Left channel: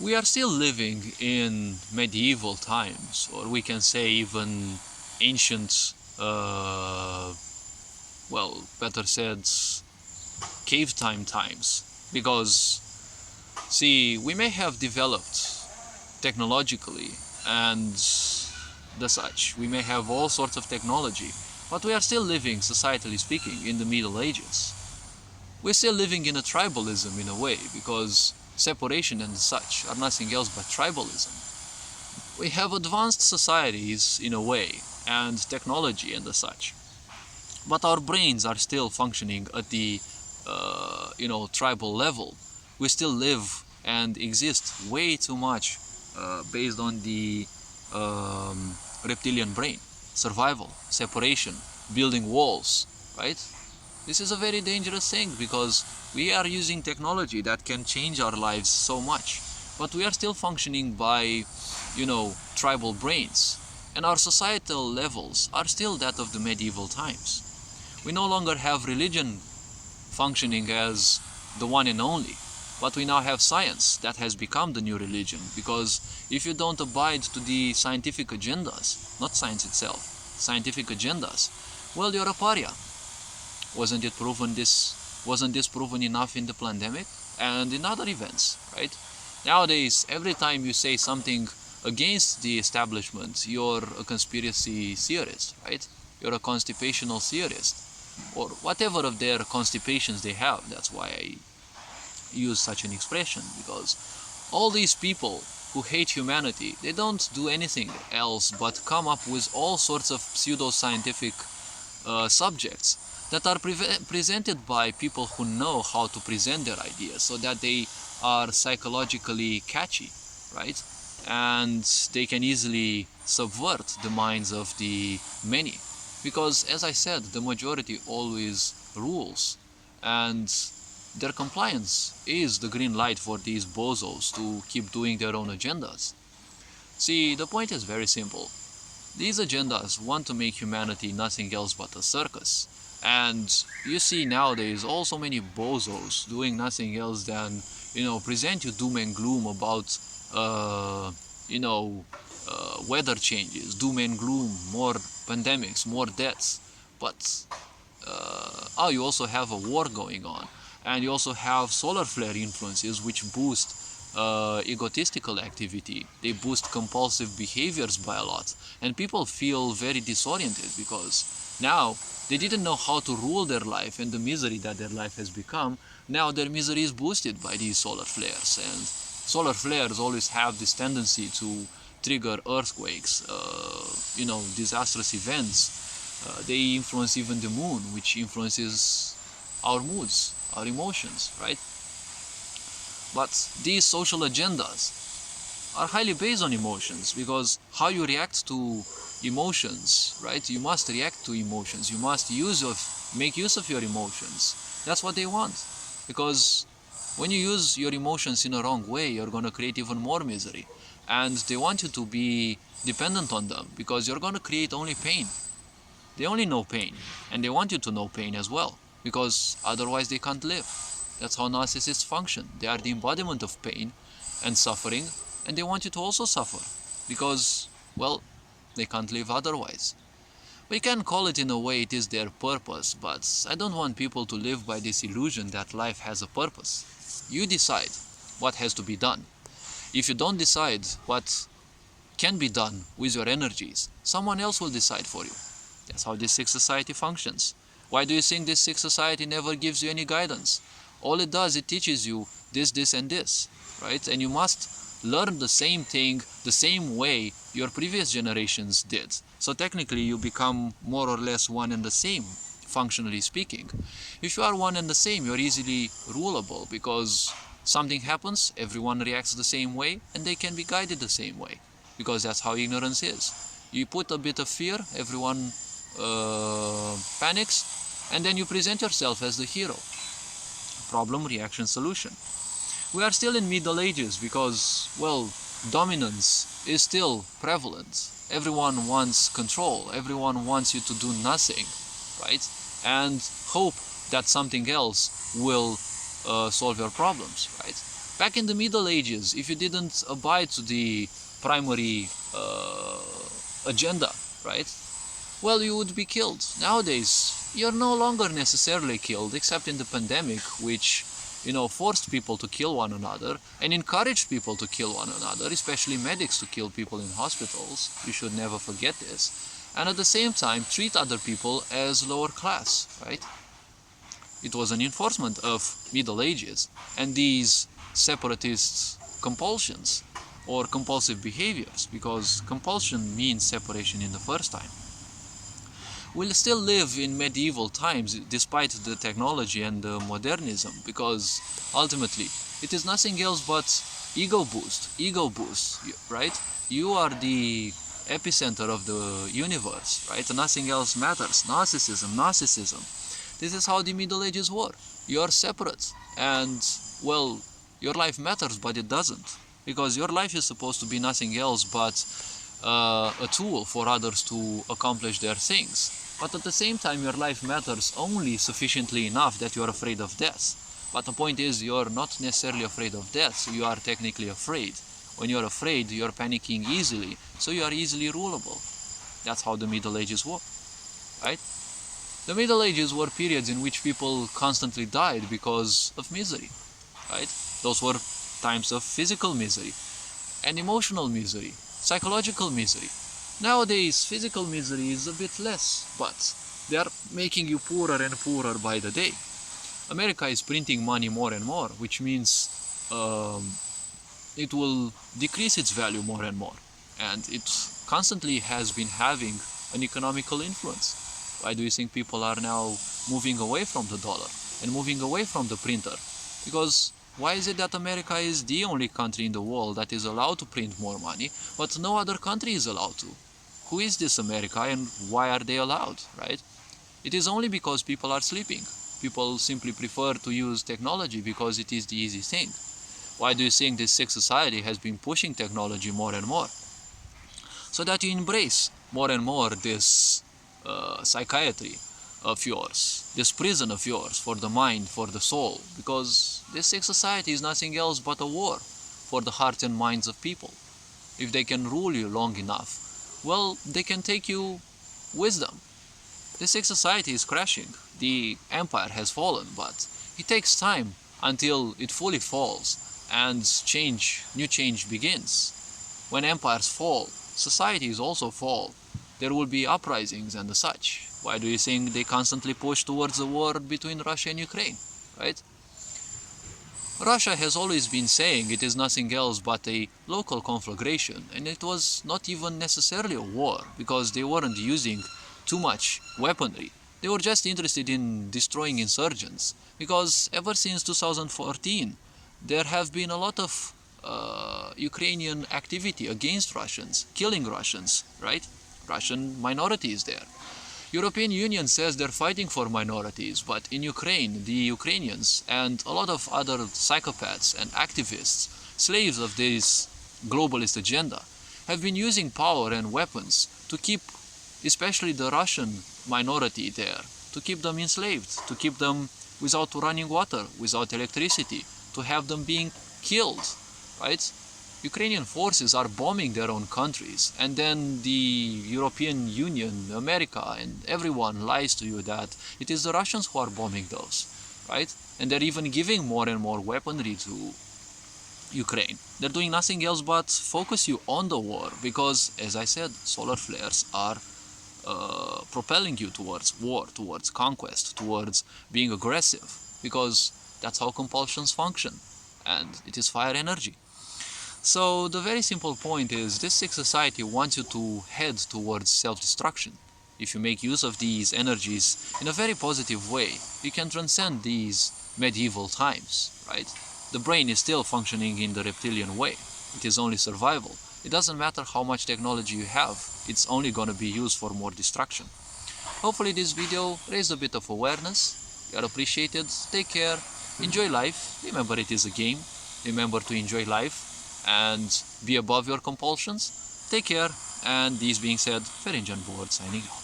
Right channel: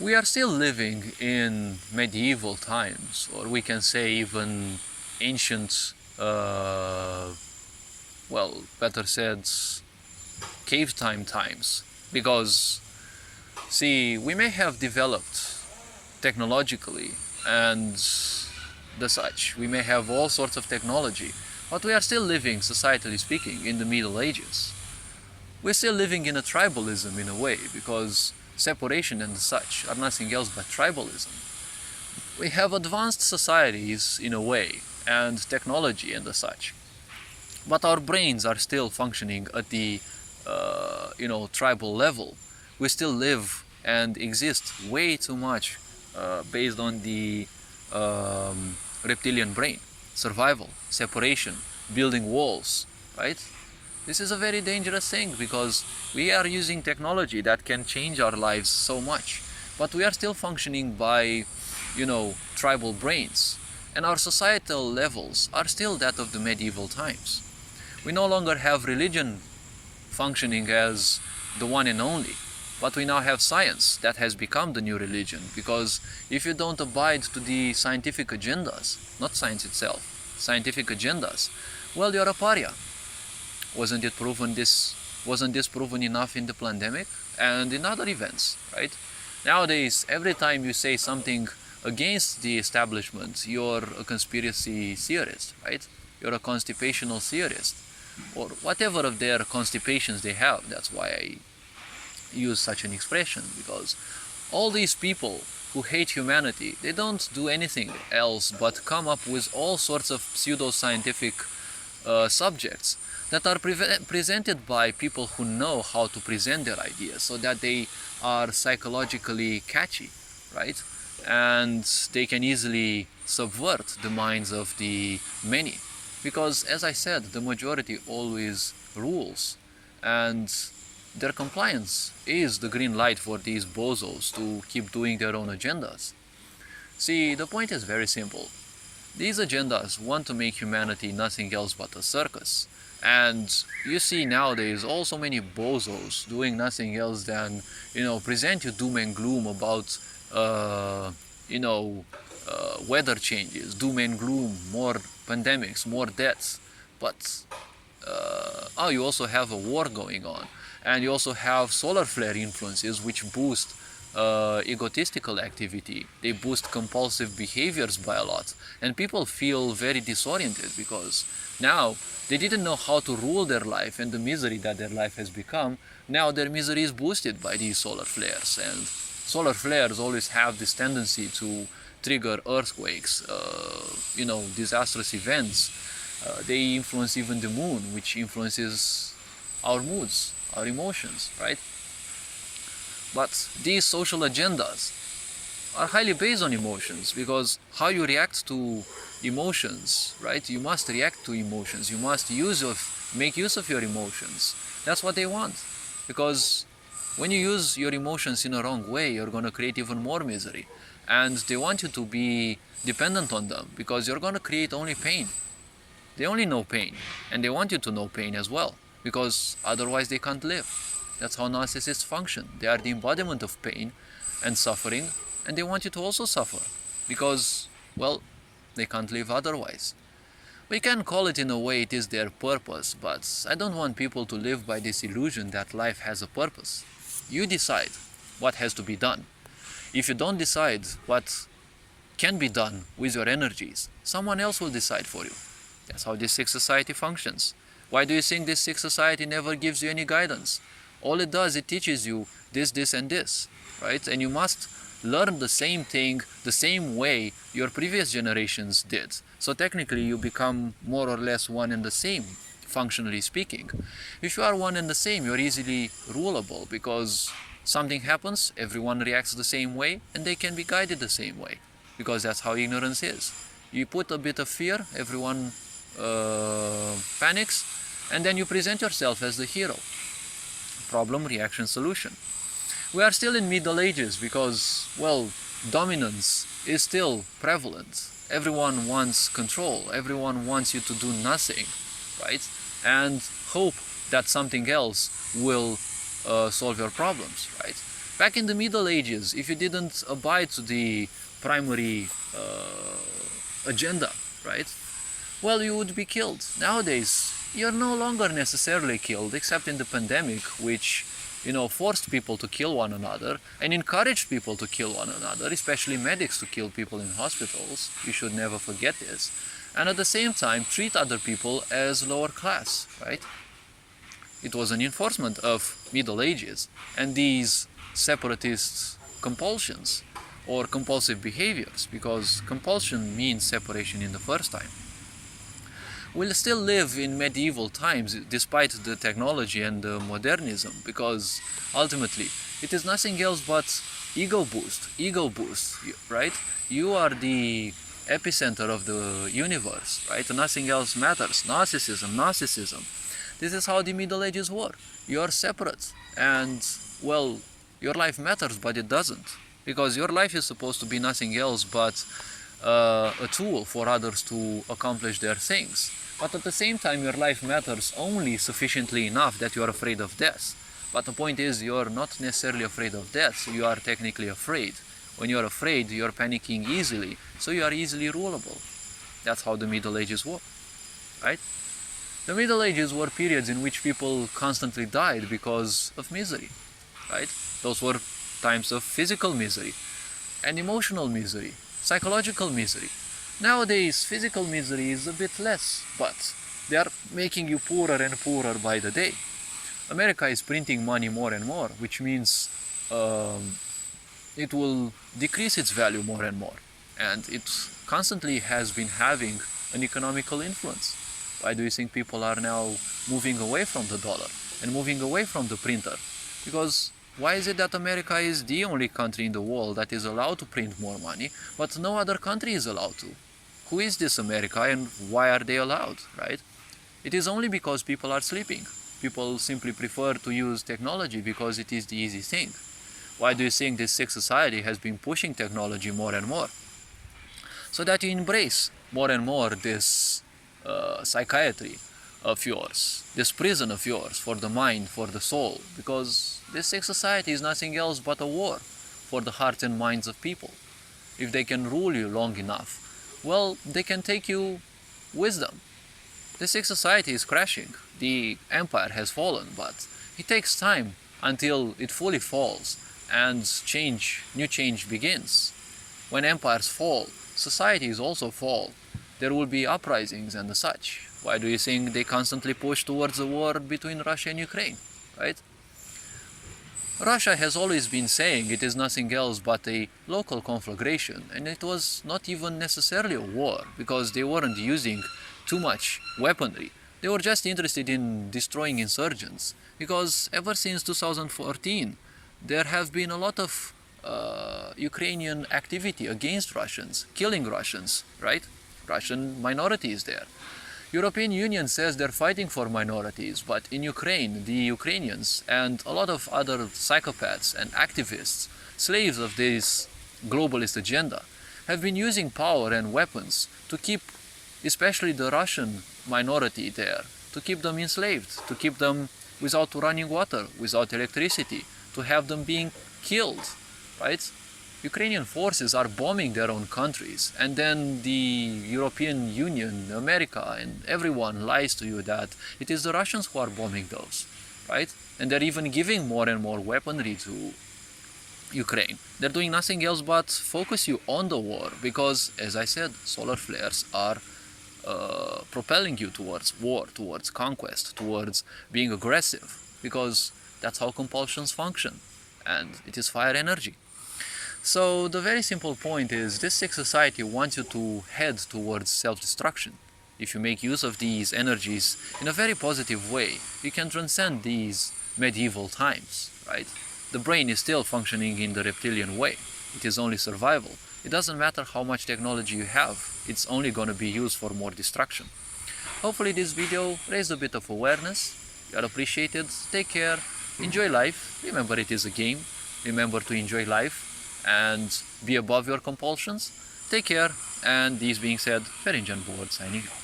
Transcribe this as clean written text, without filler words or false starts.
We are still living in medieval times, or we can say even ancient, well, better said, cave time times. Because, see, we may have developed technologically and the such, we may have all sorts of technology, but we are still living, societally speaking, in the Middle Ages. We're still living in a tribalism in a way, because separation and such are nothing else but tribalism. We have advanced societies in a way, and technology and the such, but our brains are still functioning at the tribal level. We still live and exist way too much based on the reptilian brain, survival, separation, building walls, right? This is a very dangerous thing, because we are using technology that can change our lives so much, but we are still functioning by, tribal brains, and our societal levels are still that of the medieval times. We no longer have religion functioning as the one and only, but we now have science that has become the new religion, because if you don't abide to the scientific agendas, not science itself, scientific agendas, well, you're a pariah. Wasn't this proven enough in the pandemic and in other events, right? Nowadays, every time you say something against the establishment, you're a conspiracy theorist, right? You're a constipational theorist, or whatever of their constipations they have. That's why I use such an expression, because all these people who hate humanity, they don't do anything else but come up with all sorts of pseudo-scientific subjects that are presented by people who know how to present their ideas, so that they are psychologically catchy, right? And they can easily subvert the minds of the many, because, as I said, the majority always rules, and their compliance is the green light for these bozos to keep doing their own agendas. See, the point is very simple. These agendas want to make humanity nothing else but a circus. And you see nowadays also many bozos doing nothing else than, present you doom and gloom about, weather changes, doom and gloom, more pandemics, more deaths. But, you also have a war going on. And you also have solar flare influences which boost egotistical activity. They boost compulsive behaviors by a lot. And people feel very disoriented, because now they didn't know how to rule their life, and the misery that their life has become, now their misery is boosted by these solar flares. And solar flares always have this tendency to trigger earthquakes, disastrous events. They influence even the moon, which influences our moods, our emotions, right? But these social agendas are highly based on emotions, because how you react to emotions, right? You must react to emotions. You must make use of your emotions. That's what they want. Because when you use your emotions in a wrong way, you're going to create even more misery. And they want you to be dependent on them, because you're going to create only pain. They only know pain, and they want you to know pain as well, because otherwise they can't live. That's how narcissists function. They are the embodiment of pain and suffering, and they want you to also suffer, because, well, they can't live otherwise. We can call it in a way it is their purpose, but I don't want people to live by this illusion that life has a purpose. You decide what has to be done. If you don't decide what can be done with your energies, someone else will decide for you. That's how this sick society functions. Why do you think this sick society never gives you any guidance? All it does, it teaches you this, and this, right? And you must learn the same thing, the same way your previous generations did. So technically you become more or less one and the same, functionally speaking. If you are one and the same, you're easily rulable, because something happens, everyone reacts the same way, and they can be guided the same way, because that's how ignorance is. You put a bit of fear, everyone panics, and then you present yourself as the hero. Problem, reaction, solution. We are still in Middle Ages, because, well, dominance is still prevalent. Everyone wants control. Everyone wants you to do nothing, right? And hope that something else will solve your problems, right? Back in the Middle Ages, if you didn't abide to the primary agenda, right? Well, you would be killed. Nowadays, you're no longer necessarily killed, except in the pandemic, which, forced people to kill one another and encouraged people to kill one another, especially medics to kill people in hospitals. You should never forget this. And at the same time, treat other people as lower class, right? It was an enforcement of Middle Ages, and these separatist compulsions or compulsive behaviors, because compulsion means separation in the first time, will still live in medieval times despite the technology and the modernism, because ultimately it is nothing else but ego boost, right? You are the epicenter of the universe, right? Nothing else matters. Narcissism. This is how the Middle Ages were. You're separate, and, well, your life matters, but it doesn't. Because your life is supposed to be nothing else but a tool for others to accomplish their things. But at the same time, your life matters only sufficiently enough that you're afraid of death. But the point is, you're not necessarily afraid of death, so you are technically afraid. When you're afraid, you're panicking easily, so you are easily rulable. That's how the Middle Ages were, right? The Middle Ages were periods in which people constantly died because of misery, right? Those were times of physical misery and emotional misery, psychological misery. Nowadays, physical misery is a bit less, but they are making you poorer and poorer by the day. America is printing money more and more, which means it will decrease its value more and more. And it constantly has been having an economical influence. Why do you think people are now moving away from the dollar and moving away from the printer? Because why is it that America is the only country in the world that is allowed to print more money, but no other country is allowed to? Who is this America, and why are they allowed, right? It is only because people are sleeping. People simply prefer to use technology because it is the easy thing. Why do you think this sick society has been pushing technology more and more? So that you embrace more and more this psychiatry of yours, this prison of yours for the mind, for the soul, because this sick society is nothing else but a war for the hearts and minds of people. If they can rule you long enough, well, they can take you wisdom. The sick society is crashing. The empire has fallen, but it takes time until it fully falls and new change begins. When empires fall, societies also fall. There will be uprisings and such. Why do you think they constantly push towards a war between Russia and Ukraine, right? Russia has always been saying it is nothing else but a local conflagration, and it was not even necessarily a war, because they weren't using too much weaponry. They were just interested in destroying insurgents, because ever since 2014, there have been a lot of Ukrainian activity against Russians, killing Russians, right? Russian minorities there. European Union says they're fighting for minorities, but in Ukraine, the Ukrainians and a lot of other psychopaths and activists, slaves of this globalist agenda, have been using power and weapons to keep especially the Russian minority there, to keep them enslaved, to keep them without running water, without electricity, to have them being killed, right? Ukrainian forces are bombing their own countries, and then the European Union, America, and everyone lies to you that it is the Russians who are bombing those, right? And they're even giving more and more weaponry to Ukraine. They're doing nothing else but focus you on the war, because, as I said, solar flares are propelling you towards war, towards conquest, towards being aggressive, because that's how compulsions function, and it is fire energy. So the very simple point is, this sick society wants you to head towards self-destruction. If you make use of these energies in a very positive way, you can transcend these medieval times, right? The brain is still functioning in the reptilian way. It is only survival. It doesn't matter how much technology you have, it's only going to be used for more destruction. Hopefully this video raised a bit of awareness. You are appreciated. Take care. Enjoy life. Remember, it is a game. Remember to enjoy life and be above your compulsions. Take care, and this being said, Ferinjan Board signing off.